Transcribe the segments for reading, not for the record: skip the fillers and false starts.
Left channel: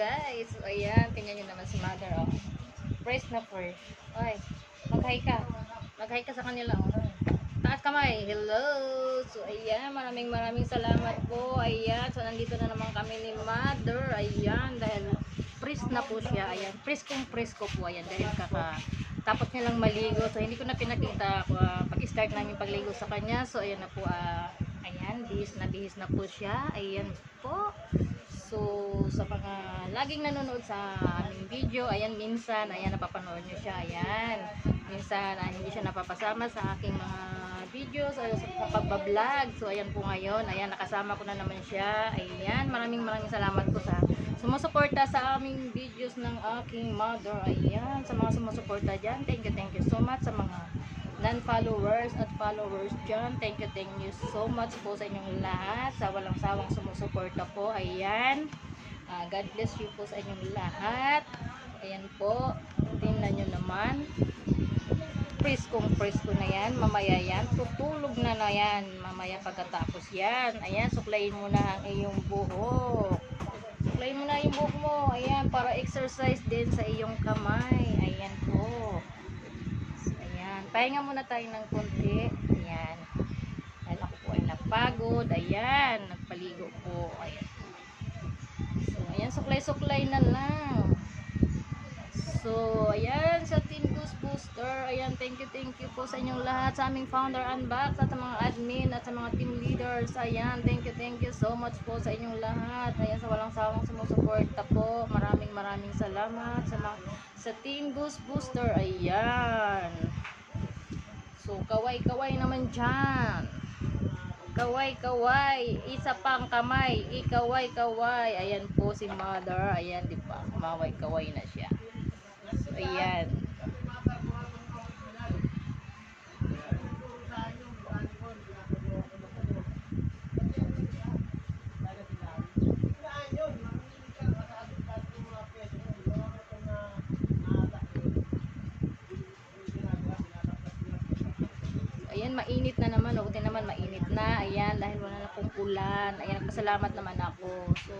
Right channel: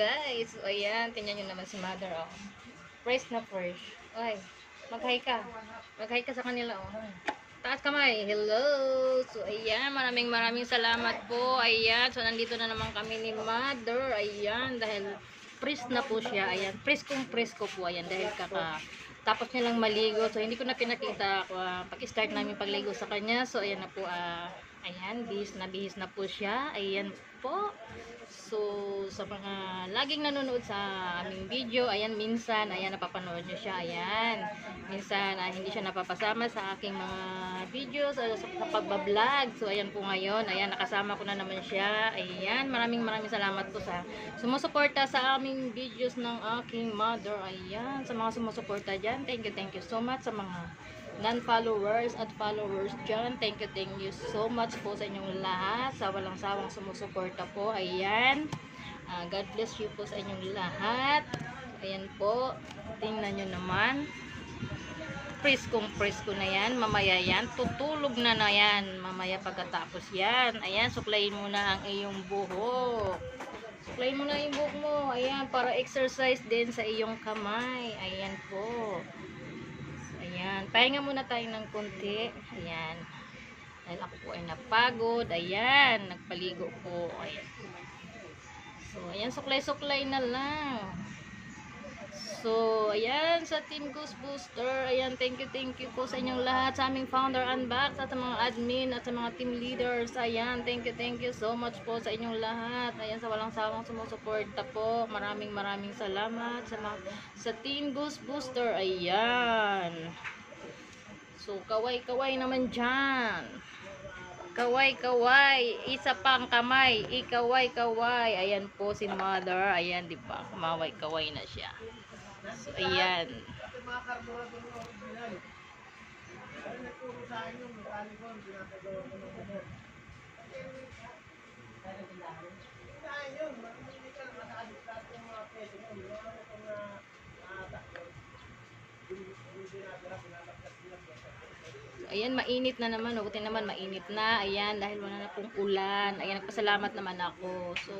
guys. So, ayan, tingnan nyo naman si mother, oh. Fresh na fresh. Oy, mag-hi ka. Mag-hi ka sa kanila, oh. Taas kamay. Hello. So, ayan, maraming salamat po. Ayan, so nandito na naman kami ni mother. Ayan, dahil fresh na po siya. Ayan, presko po. Ayan, dahil tapos niya lang maligo. So, hindi ko na pinakita pag-start namin pagligo sa kanya. So, ayan na po, ayan, bihis na po siya. Ayan po. So, sa mga laging nanonood sa aming video, ayan, minsan, ayan, napapanood nyo siya, ayan. Minsan, hindi siya napapasama sa aking mga videos, sa pagbablog. So, ayan po ngayon, ayan, nakasama ko na naman siya. Ayan, maraming salamat po sa sumusuporta sa aming videos ng aking mother. Ayan, sa mga sumusuporta dyan, thank you so much. Sa mga non-followers at followers dyan, thank you so much po sa inyong lahat, sa walang sawang sumusuporta po. Ayan, God bless you po sa inyong lahat. Ayan po, tingnan nyo naman, presko na yan. Mamaya yan, tutulog na yan mamaya pagkatapos yan. Ayan, suklayin mo na ang iyong buhok. Suklayin mo na yung buhok mo. Ayan, para exercise din sa iyong kamay. Ayan po. Pahinga muna tayo ng konti. Ayan. Dahil ako po ay napagod. Ayan. Nagpaligo po. Ayan. So, ayan. Suklay-suklay na lang. So, ayan. Sa Team Goose Booster. Ayan. Thank you po sa inyong lahat. Sa aming founder unbox. At sa mga admin. At sa mga team leaders. Ayan. Thank you so much po sa inyong lahat. Ayan. Sa walang sawang sumusuporta po. Maraming salamat. Sa Team Goose Booster. Ayan. So, kaway naman dyan. Kaway. Isa pang kamay. Ikaway. Ayan po si mother. Ayan, di ba? Kumaway-kaway na siya. So, ayan. Ayan, mainit na naman. Buti naman mainit na. Ayan, dahil wala na pong ulan. Ayan, nagpasalamat naman ako. So,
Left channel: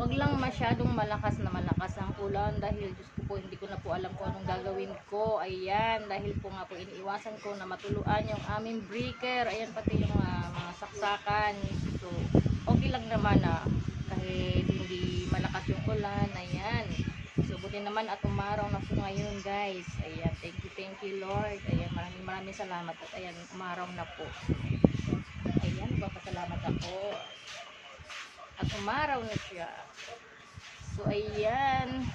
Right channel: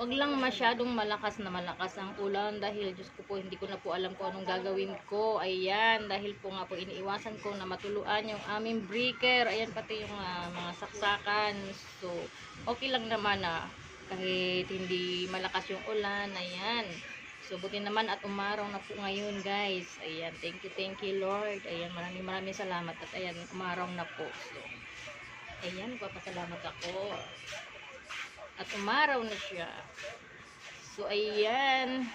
wag lang masyadong malakas ang ulan dahil Diyos ko po, hindi ko na po alam kung anong gagawin ko. Ayan, dahil po nga po iniiwasan ko na matuluan yung aming breaker. Ayan, pati yung mga saksakan. So, okay lang naman kahit hindi malakas yung ulan. Ayan. So, buti naman at umaraw na po ngayon, guys. Ayan, thank you Lord. Ayan, maraming salamat. At ayan, umaraw na po. So, ayan, nagpapasalamat ako. At umaraw na siya. So, ayan.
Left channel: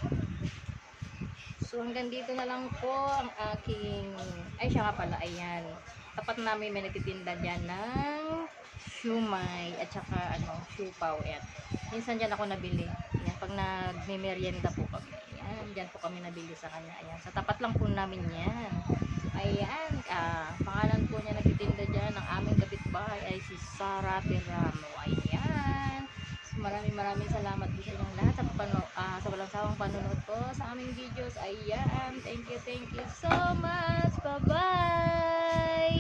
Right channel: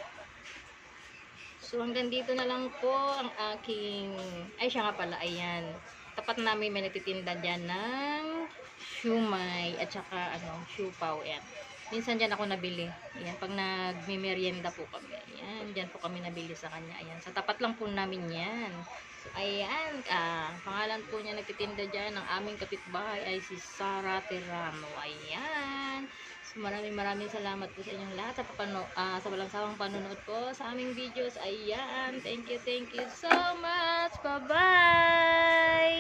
So, hanggang dito na lang po ang aking, ay siya nga pala, ayan. Tapat namin may nagtitinda dyan ng siumay at saka siupaw. Ayan. Minsan dyan ako nabili. Ayan, pag nagme-merienda po kami. Ayan, dyan po kami nabili sa kanya. Ayan, sa tapat lang po namin yan. So, ayan, pangalan po niya nagtitinda dyan ng aming kapitbahay ay si Sara Teramo. Ayan. So, maraming salamat po sa inyong lahat sa walang sawang panonood po sa aming videos. Ayan, thank you so much. Bye-bye!